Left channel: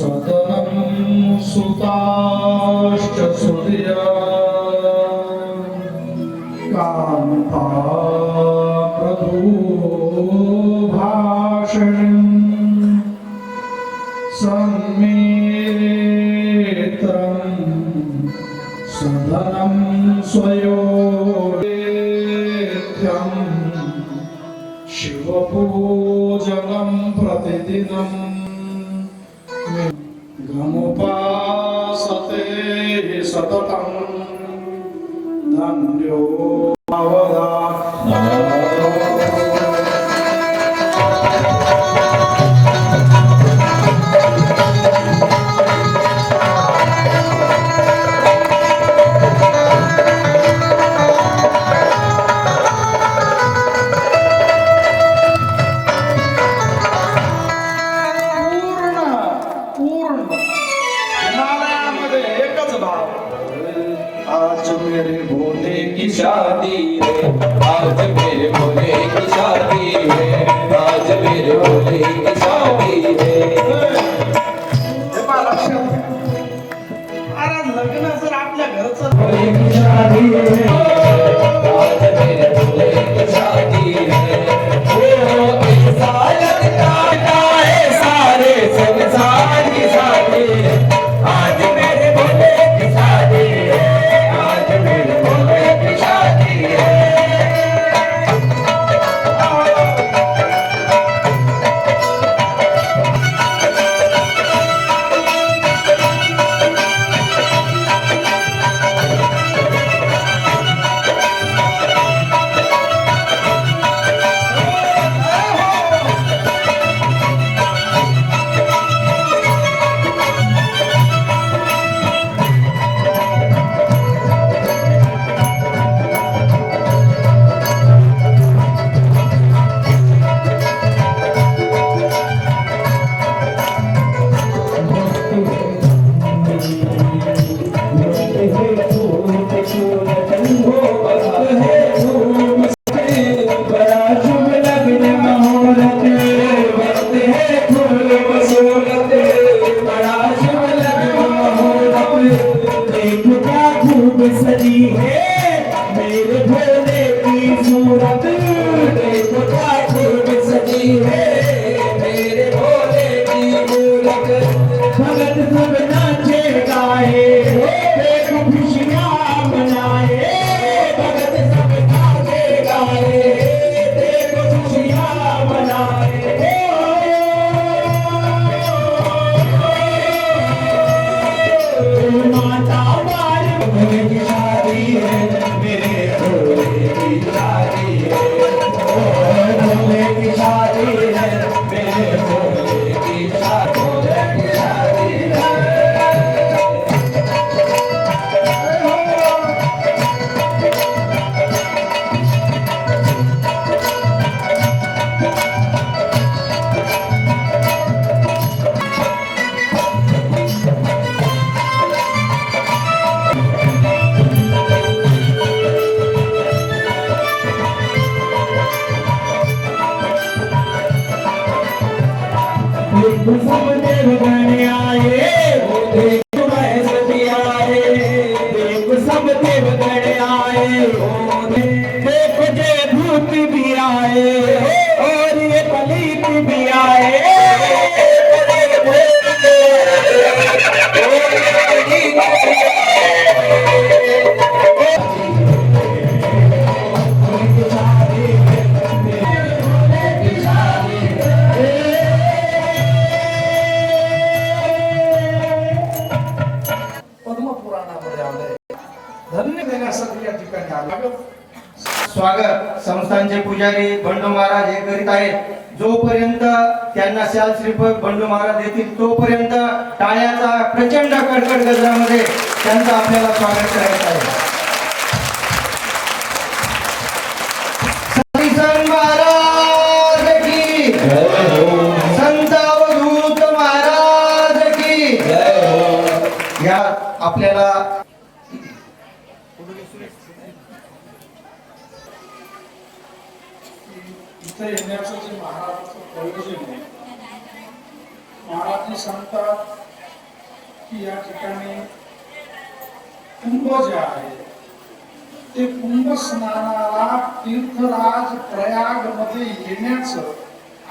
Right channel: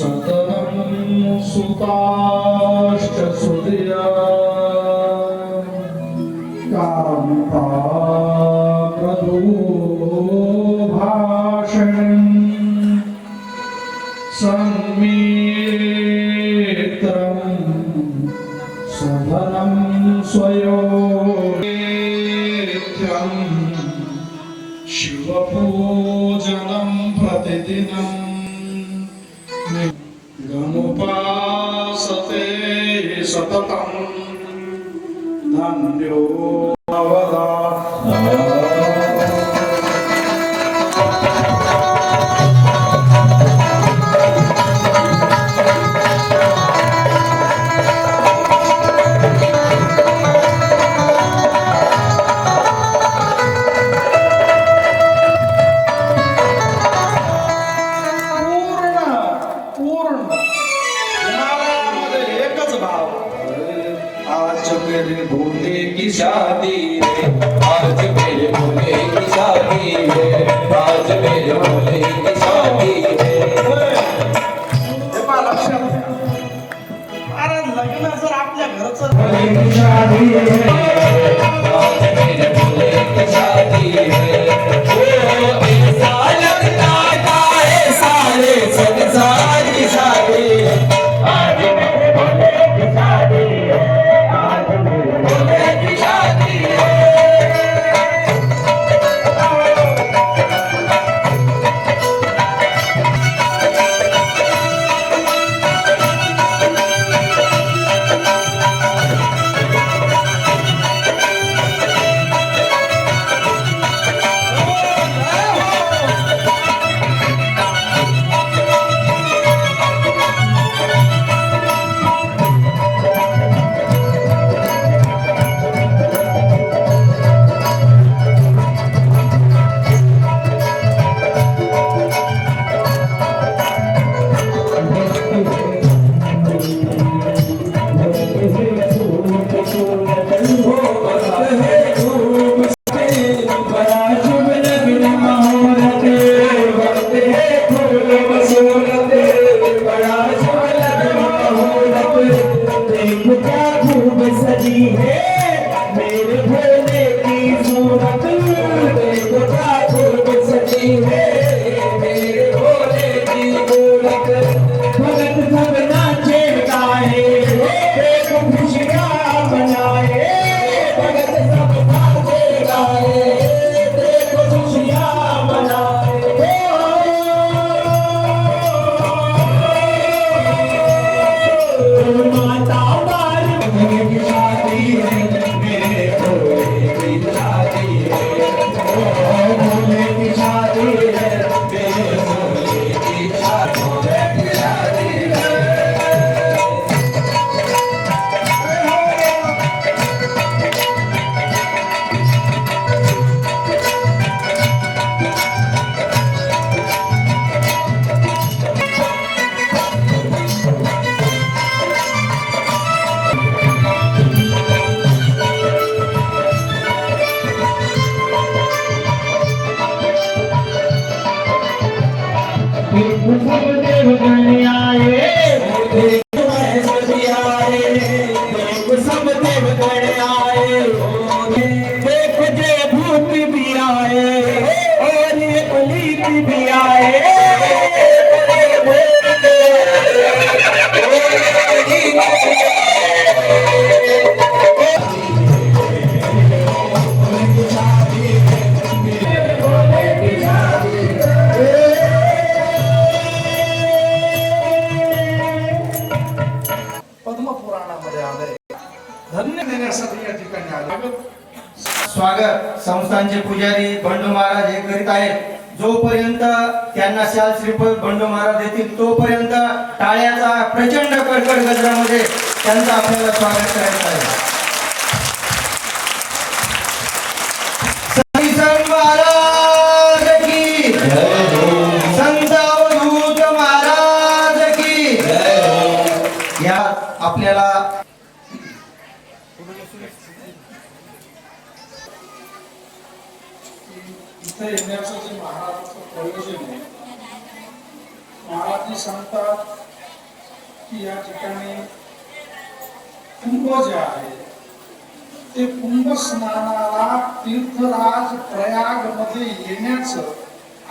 सतनं सुताश्च सुदूभाषणम् सन्मेत्रम् सदनं स्वयोगेत्रम् शिवपूजलं प्रतिदिनम् सततम् এবং दुनिया ये संस्थांचे पुजारी बंडू महाराज हे करीत आहेत. जोपर्यंत त्यांना शाल श्रीफळ बंडू महाराज देतील तोपर्यंत टाळ्याचा प्रचंड कडकड गजरामध्ये त्यांचं आपल्याला स्वागत करायचं आहे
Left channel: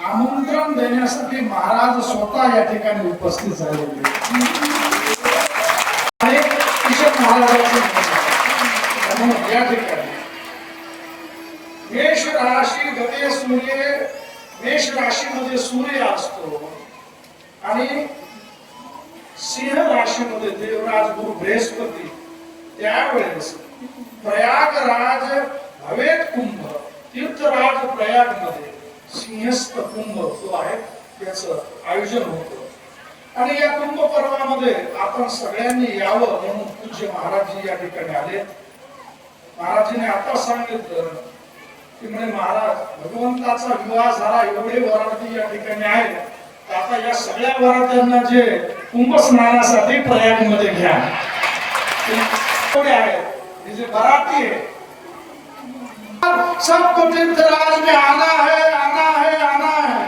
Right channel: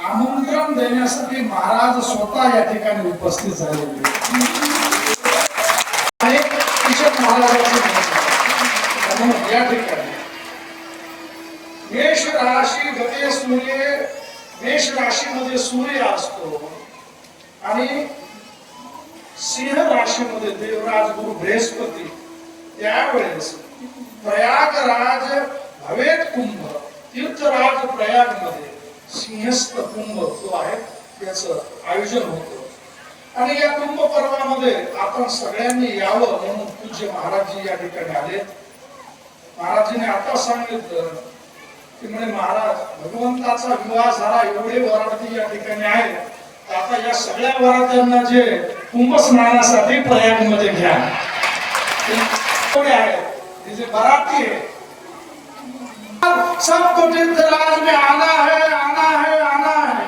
आमंत्रण देण्यासाठी महाराज स्वतः या ठिकाणी उपस्थित झाले होते. या ठिकाणी. मेष राशी मध्ये सूर्य मेष राशीमध्ये सूर्य असतो. आणि सिंह राशीमध्ये देवराज गुरु बृहस्पती. त्यावेळेस प्रयागराज हवेत कुंभ तीर्थराज प्रयागमध्ये सिंहस्थ कुंभ जो आहे त्याच आयोजन होतं आणि या कुंभ पर्वामध्ये आपण सगळ्यांनी यावं म्हणून पूज्य महाराजजी या ठिकाणी आले महाराजांनी आता सांगितलं की म्हणे महाराज भगवंताचा विवाह झाला एवढे वरार्थी या ठिकाणी आहेत आता या सगळ्या वरार्थ्यांना जे कुंभ स्नानासाठी प्रयागमध्ये घ्या. ते आहे. जे मराठी आहे सब सबको तीर्थराज में आना है आना है आना है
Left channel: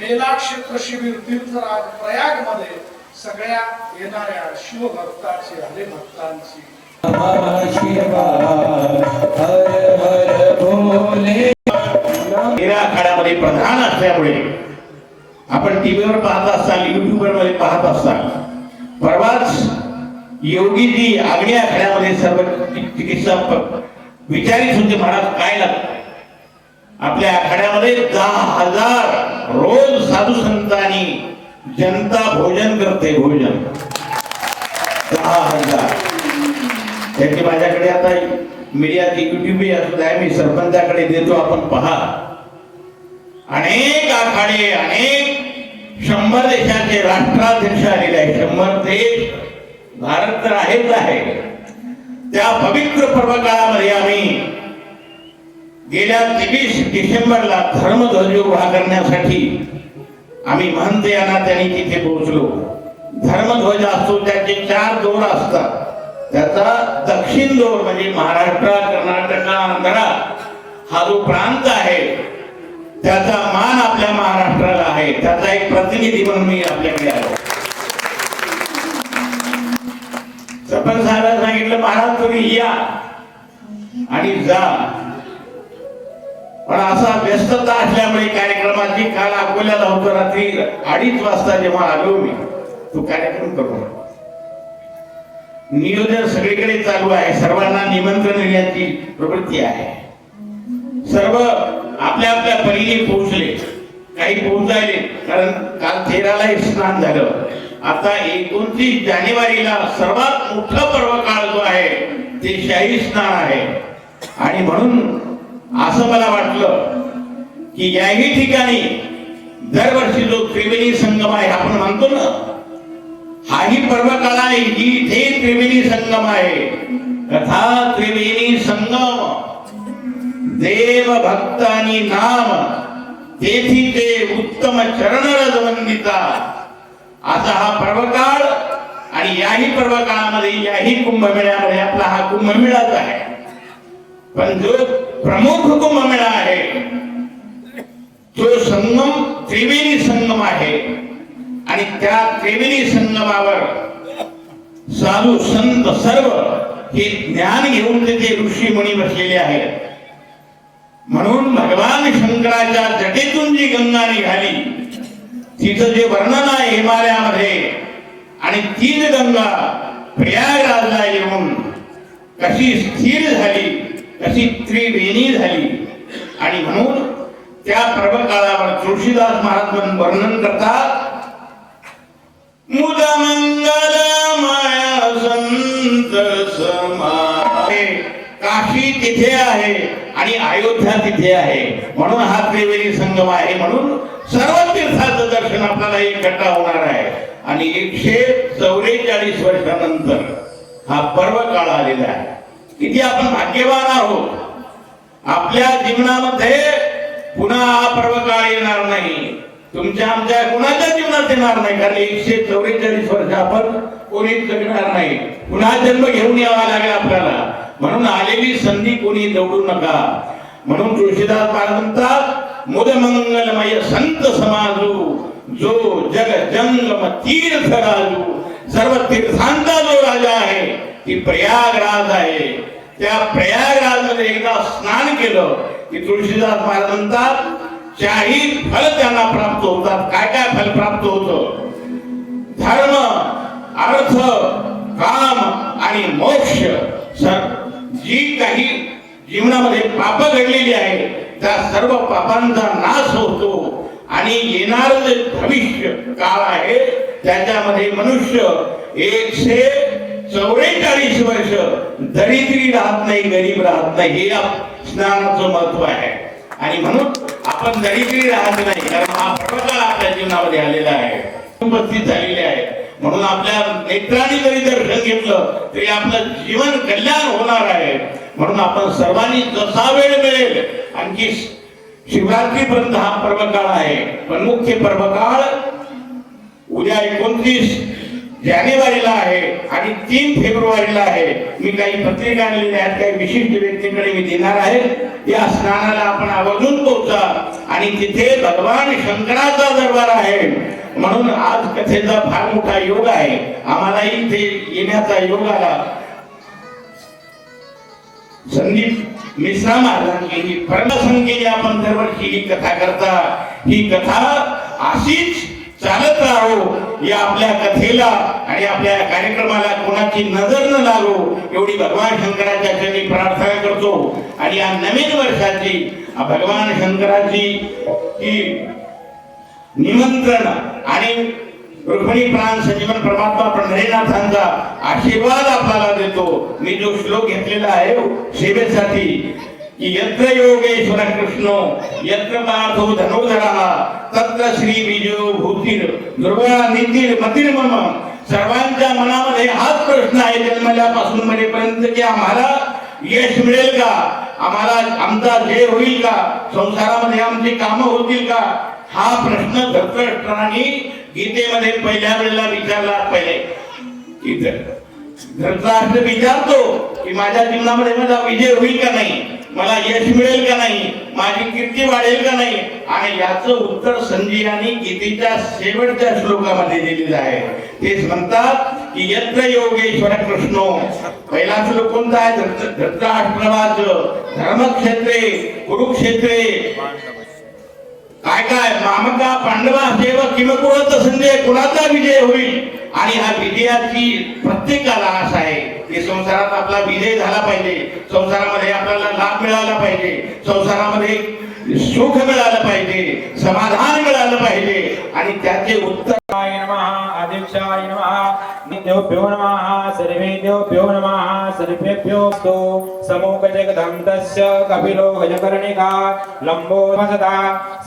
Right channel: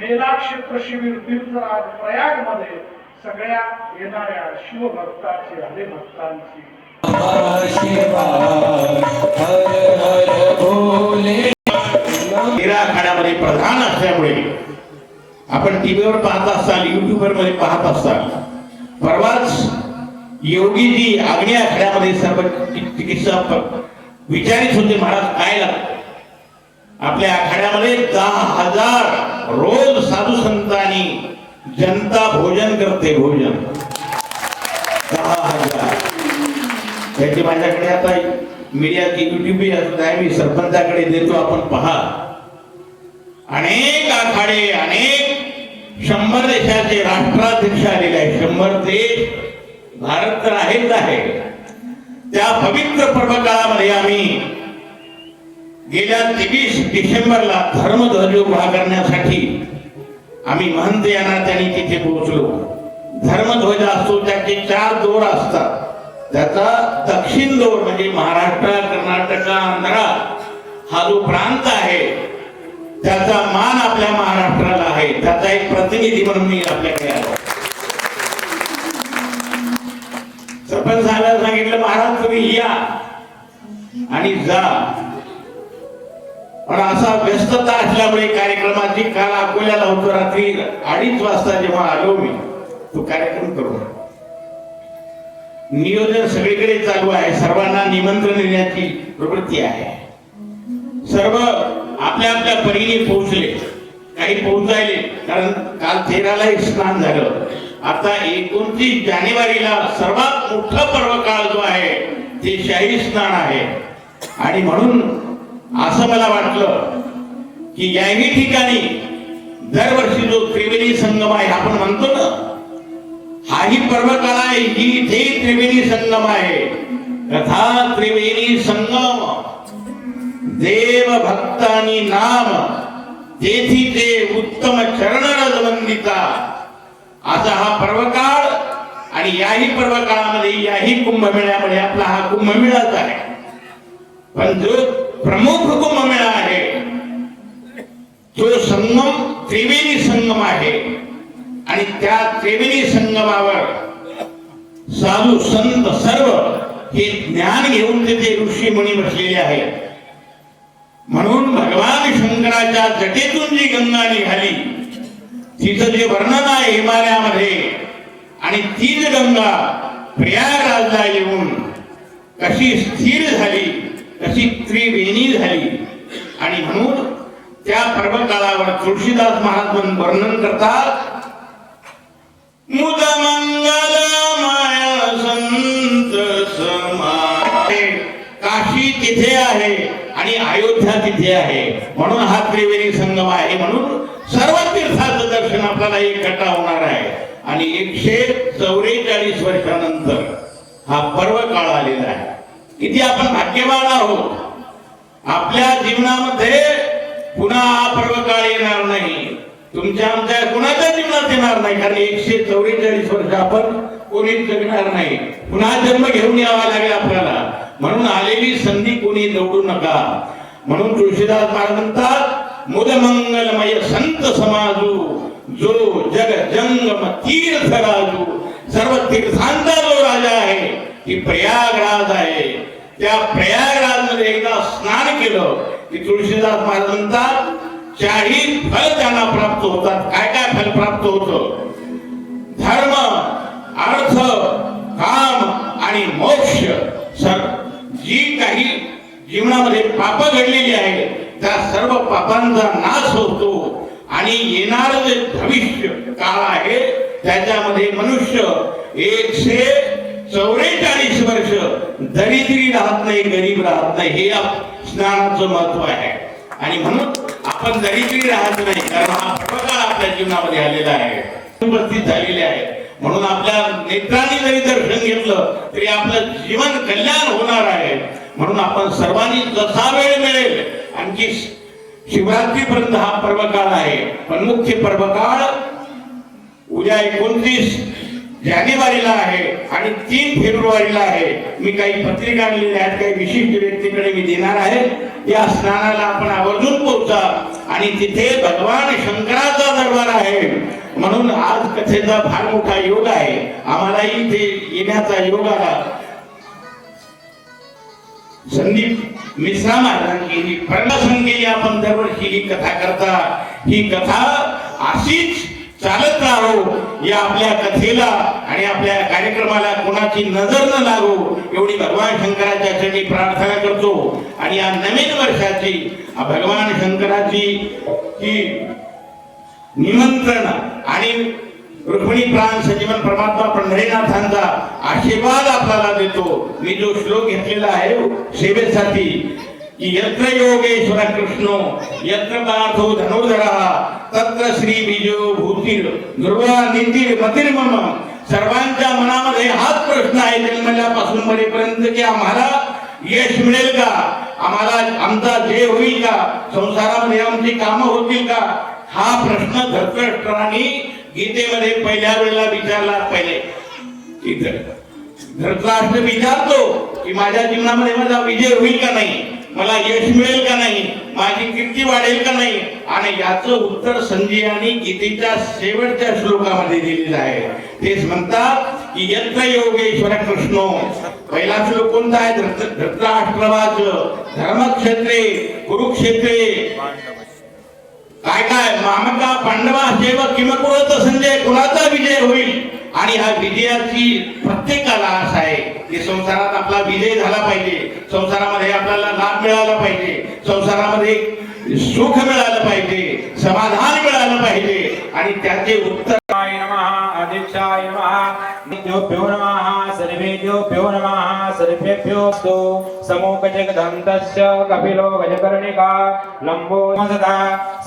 मेला क्षेत्र शिबिर तीर्थराज प्रयागमध्ये सगळ्या येणाऱ्या शिवभक्ताची हरे भक्तांची हर आखाड्यामध्ये प्रधान असल्यामुळे आपण टीव्हीवर पाहत असाल युट्यूबवर मध्ये पाहत असाल. परवाच योगीजी आग्नेय आखाड्यामध्ये सर्व चिकित्सा चिकित्सक विचारित होते महाराज काय लागत आपल्या आखाड्यामध्ये दहा हजार रोज साधू संतांनी जनता भोजन करते भोजन. दहा हजार. त्याची माझ्याकडे आता मीडियाची युट्यूब आहे मी सरपंचाकडे देतो आपण पहा. अनेक आखाडे अनेक शंभर देशाचे राष्ट्राध्यक्ष आलेले आहेत. शंभर देश भारत तर आहेच आहे. त्या पवित्र पर्वकाळामध्ये आम्ही गेल्या तेवीस डिसेंबरला धर्मध्वज उभा करण्यासाठी आम्ही महंत यांना त्यांनी तिथे पोहोचलो. धर्मध्वज असतो त्याचे चार दोर असतात. त्याचा दक्षिण दोर म्हणजे महाराष्ट्र कर्नाटक आंध्रा हा जो प्रांत आहे त्याचा मान आपल्या महाराष्ट्राला आहे. त्याचा एक प्रतिनिधी म्हणून मी आपल्याकडे आलो. सरपंच साहेबांना सांगितलं महाराज तुम्ही या. आणि जा. पण असा व्यस्तता असल्यामुळे कार्यक्रमाची काल अकोल्याला होतो रात्री अडीच वाजता जेव्हा आलो मी तो कार्यक्रम करू नियोजन सगळीकडे चालू आहे. सर्वांना निमंत्रण देण्याची प्रवृत्ती आहे. सर्व आपल्या आपल्या परीने पोहोचले. काही पोहोचायले कारण काल तेराला स्नान झालं. आता एकोणतीस जानेवारीला सर्वात मोठा पर्व काळ जो आहे ते शाही स्नान आहे. आणि म्हणून असं मला वाटलं की याही ठिकाणी दरवर्षी जो त्रिवेणी संगम आहे आपण म्हणतो ना हाही पर्वकाळ आहे ही इथे त्रिवेणी संगम आहे. कथा त्रिवेणी संगम देव भक्त आणि नाम तेथी ते उत्तम चरण रजवंदिता असा हा पर्वकाळ आणि याही पर्वकाळामध्ये याही कुंभमेळ्यामध्ये आपला हा कुंभमेळाच आहे. पण जो प्रमुख कुंभमेळा आहे तो संगम त्रिवेणी संगम आहे आणि त्या त्रिवेणी संगमावर साधू संत सर्व हे ज्ञान घेऊन तिथे ऋषी मुनी बसलेले आहेत. म्हणून भगवान शंकराच्या जटेतून जी गंगा निघाली तिचं जे वर्णन आहे हिमालयामध्ये आणि तीच गंगा प्रयागराजला येऊन कशी स्थिर झाली कशी त्रिवेणी झाली आणि म्हणून त्या पर्वकाळावर तुळशीदास महाराज वर्णन करतात मुद माया संत समाये. काशी तिथे आहे आणि अयोध्या तिथे आहे म्हणून हा त्रिवेणी संगम आहे म्हणून सर्व तीर्थात दर्शनाचा एक एकटा होणार आहे. आणि एकशे चौवेचाळीस वर्षानंतर हा पर्व काळ आलेला आहे. किती आपण भाग्यवान आहोत. आपल्या जीवनामध्ये पुन्हा हा पर्व काळ येणार नाही. तुमच्या आमच्या कुणाच्या जीवनात येणार नाही? कारण एकशे चौवेचाळीस वर्ष आपण कोणीच जगणार नाही. पुन्हा जन्म घेऊन यावा लागेल आपल्याला. म्हणून आलेली संधी कोणी दौडू नका. म्हणून तुळशीदास महाराज म्हणतात मुद मंगलमय संत समाजू. जो जग जंगम तीर्थ राजू सर्व तीर्थांचा जो राजा आहे ती प्रयागराज आहे. त्या प्रयागराजमध्ये एकदा स्नान केलं की तुळशीदास महाराज म्हणतात चाही फल त्यांना प्राप्त होतात. काय काय फल प्राप्त होतं? धर्म अर्थ काम आणि मोक्ष. सर जी काही जीवनामध्ये पाप घडलेली आहे त्या सर्व पापांचा नाश होतो आणि येणार जे भविष्य काळ आहे त्याच्यामध्ये मनुष्य एकशे चौवेचाळीस वर्ष दरिद्री राहत नाही गरीब राहत नाही हे स्नानाचं महत्त्व आहे. आणि म्हणून आपण दरिद्री राहत नाही कारण हा प्रकार आपल्या जीवनामध्ये आलेला आहे. उपस्थित झालेले आहे. म्हणून आपल्या नेत्रांनी जरी दर्शन घेतलं तरी आपलं जीवन कल्याण होणार आहे. म्हणून आपण सर्वांनी जसा वेळ मिळेल आणखी शिवरात्रीपर्यंत हा पर्वकाळ आहे. पण मुख्य पर्व काळ उद्या एकोणतीस जानेवारीला आहे आणि तीन फेब्रुवारीला आहे. मी काही पत्रिका आणलेल्या आहेत काही विशिष्ट व्यक्तीकडे मी देणार आहे. या स्नानाला आपण आवर्जून पोहोचा आणि तिथे भगवान शंकराचा दरबार आहे. म्हणून आज कथेचा फार मोठा योग आहे. आम्हालाही इथे येण्याचा योग आला. संदीप मिश्रा महाराजांनी ही आपण दरवर्षी ही कथा करता. ही कथा अशीच चालत राहो. या आपल्या कथेला आणि आपल्या कार्यक्रमाला कोणाची नजर न लागो एवढी भगवान शंकराच्या चरणी प्रार्थना करतो. आणि या नवीन वर्षाची भगवान शंकराची ही निमंत्रण आणि रुक्मिणी प्राण संजीवन परमात्मा पंढरीनाथांचा आशीर्वाद आपल्याला देतो. मी जो श्लोक घेतलेला आहे सेवेसाठी की यत्र योगेश्वर कृष्ण यत्र पार्थो धनुर्धरा तत्र श्री विजय भूतीर ध्रुवा नितीर मतीर मम. सर्वांच्या मनामध्ये हाच प्रश्न आहे जन्मल्यापासून मरेपर्यंत की आम्हाला यश मिळेल का? आम्हाला आमचा जय होईल का? संसारामध्ये आमची कामं होतील का? हा प्रश्न धर्तराष्ट्रांनी गीतेमध्ये पहिल्या वेळेला विचारला पहिले. इथं. विचारतो की माझ्या जीवनामध्ये माझा विजय होईल का नाही? मला यश मिळेल का नाही? माझी कीर्ती वाढेल का नाही? आणि याच उत्तर संजयानी गीतेच्या शेवटच्या श्लोकामध्ये दिलेलं आहे. तेच म्हणतात की यत्र योगेश्वर कृष्ण. पहिला श्लोक कोणता आहे? धृत- धर्मक्षेत्रे कुरुक्षेत्रे. काय काय मामका पांडवा सेव किमकुळत संजय कुणाचा विजय होईल? आणि हा विजयाची प्रत्येकाला आशा आहे. की संसारात आपला विजय झाला पाहिजे. संसारामध्ये आपल्याला लाभ मिळाला पाहिजे. संसारामध्ये सुख मिळालं पाहिजे. समाधान मिळालं पाहिजे. आणि त्याचे उत्तर शिवाय नमः. अध्यक्षाय नमः. नित्योभ्यो नमः. सर्वेभ्यो नमः सर्वेभ्योऽस्तु समूकजगदन्तस्य कपिलो गजकर्णिका लम्बो सदा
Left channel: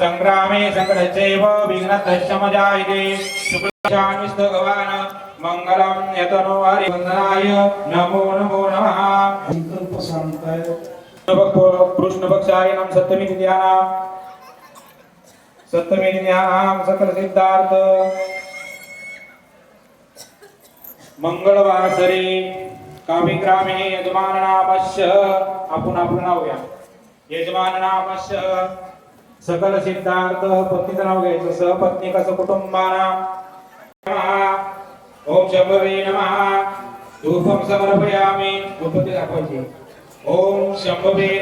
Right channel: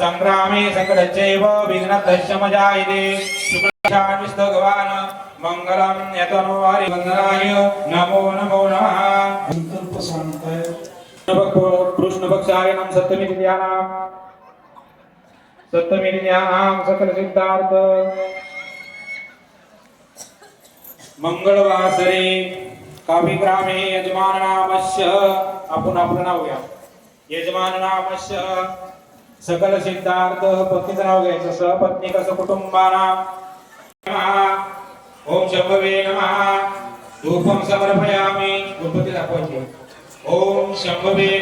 सङ्ग्रामे सङ्कटश्चैव विघ्नतश्च मजायते शुक्लशान्विस्तो भगवान् मङ्गलं यतनो हरिवन्दनाय नमो नमो नमः संकल्प सांगताय कृष्णपक्षाय नम सप्तमी तिथ्यानाम सप्तमी तिथ्यानाम सकल सिद्धार्थ मंगळवासरे काव्य यजमान नामस्य आपण आपलं नाव घ्या. यजमान नामस्य सकल सिद्धार्थ पत्नीचं नाव घ्यायचं सहपत्नी कसं कुटुंबाना. ओम शंभवे नमः. धूपम समर्पयामी. गणपती दाखवायची. ओम शंभवे